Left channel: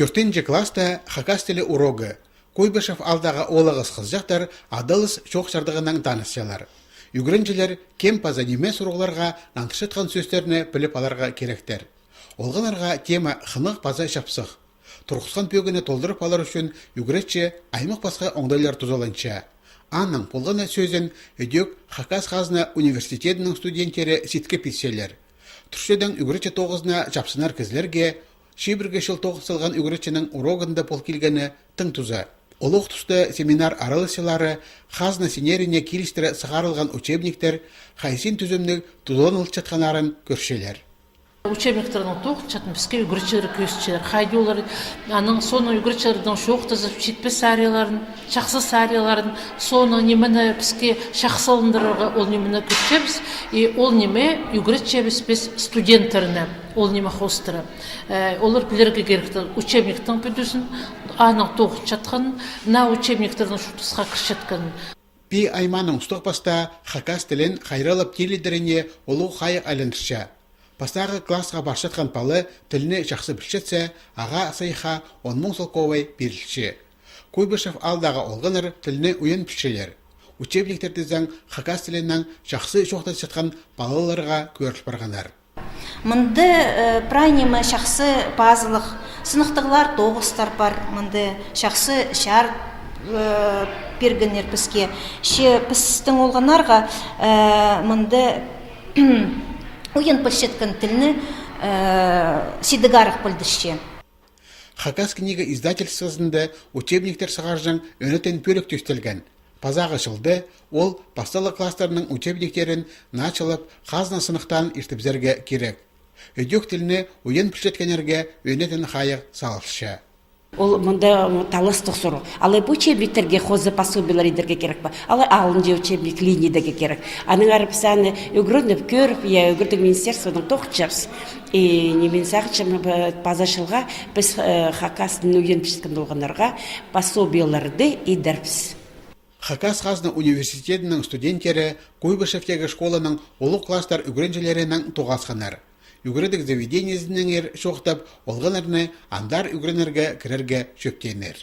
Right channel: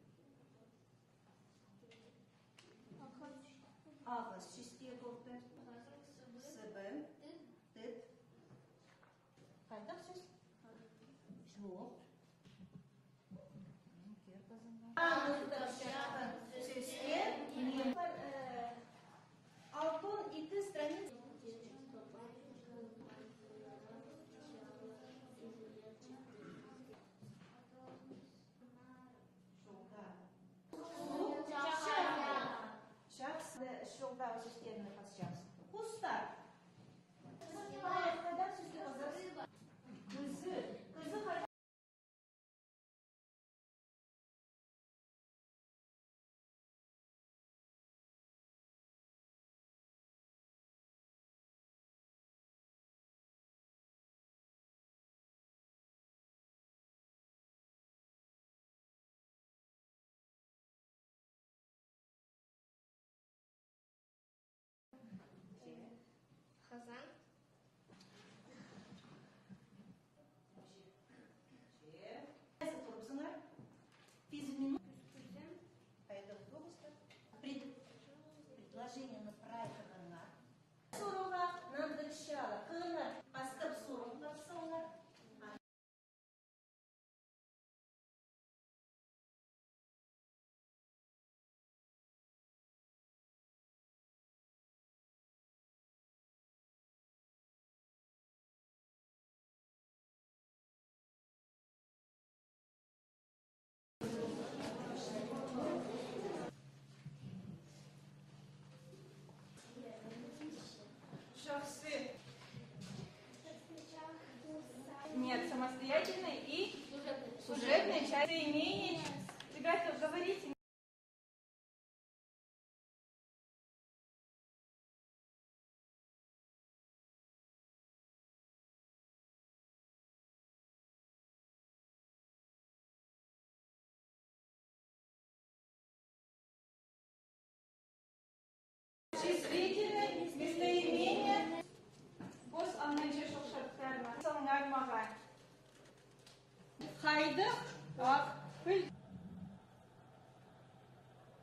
4 класста хакас тілі урогы. Куйбышев алдағы олығыз қызжақтар адылыс шоқ жардығынан танысшалар. Үгірінчілер кем паза неме сұрғыларға нантышытқан сөздеріне біліп аларға керектер. Олғанарға тема хынық паза шапсық. Тұрқысқан пөгіні толдырып алар үшін үгіретші аймақ басқа оңдайлар тұзаланша. Анның полғана сөзін өдек Хакас Қазына университетінің студенттері сетке петселер. Түршеден үгіретші тоғызына жапсынар кізлерге шибірге шыл тоғысылған үгіретшінің урогында пол келгені тың тұза. Олық тұсты семинар аралысылары Қазына сенеріне келістірі сығарылған учебниктер қайсин түзімнің тұзон ұлтшатқанарын көршелер. Учебниктердің тоқчатын бізге үгірчілер көстілер. Қайды олар, аның соны үгірчілердің шоқтызы жетпес сәрияларын, шақсы сәрияларын, соны немені бізге шақсылындырығы ол немені көтчебіз. Ол неме үгірчебіз біз студенттеріне, ол неме хостыры. Олар білерге керекті учебниктің бүдісін, аның тоқчатқанын, на учебниктердің шутысқа кіршетканын. Пи айманың ұстық баста Хакас тілін қайралып теледеріне олу қайық айландырша. Пастағы классқа баршатқан палы тіліне жақсы білшетсе, аға сайха 10 мың солковай берілші. Куйбышев алдағы олғыныр тіліне үйен пішелер. Учебниктерді заң Хакас тілінен жақсы шоқта жатқан балаларға көріш барғанар. Мынды прайнемі жақсы базылық, сынықтығылар тоғыстар бар, мынды жақсы шар бергенер бізге. Ше пістің олғанарға мынды ойын пілшеткен тіліні сидігарық білдішше. Хакас книга издательствосында учебниктер сығаржың өнетен пөлік төстелген. Пазағы жылды ол басталы класстарының учебниктерін началып Қазына сынықтан ертіпзерге керек. Өдек тіліні ойын пілшеткенерге өнетен қайық салышша. Ол мұнда талыстық сұру. Алай бұл учебниктерге қозы пособилар едерге керек ба? Алай алынже учебник линейдеге керек. Аның арыпсаны өгірініп көріп, өгірдің министерствоның тоқчарс. Немен сақчым пазашылға біз Хакастың өген пішкен болғанарға пособиларды едерпіз. Хакас Қазына университетінің студенттері Куйбышевтегі школаның олық класстар үгіренжелерінің тоғасқанар. Үгіредік заведениесінің шоқтап, олғанарыны андар үгіренерге кірерге шөптенер.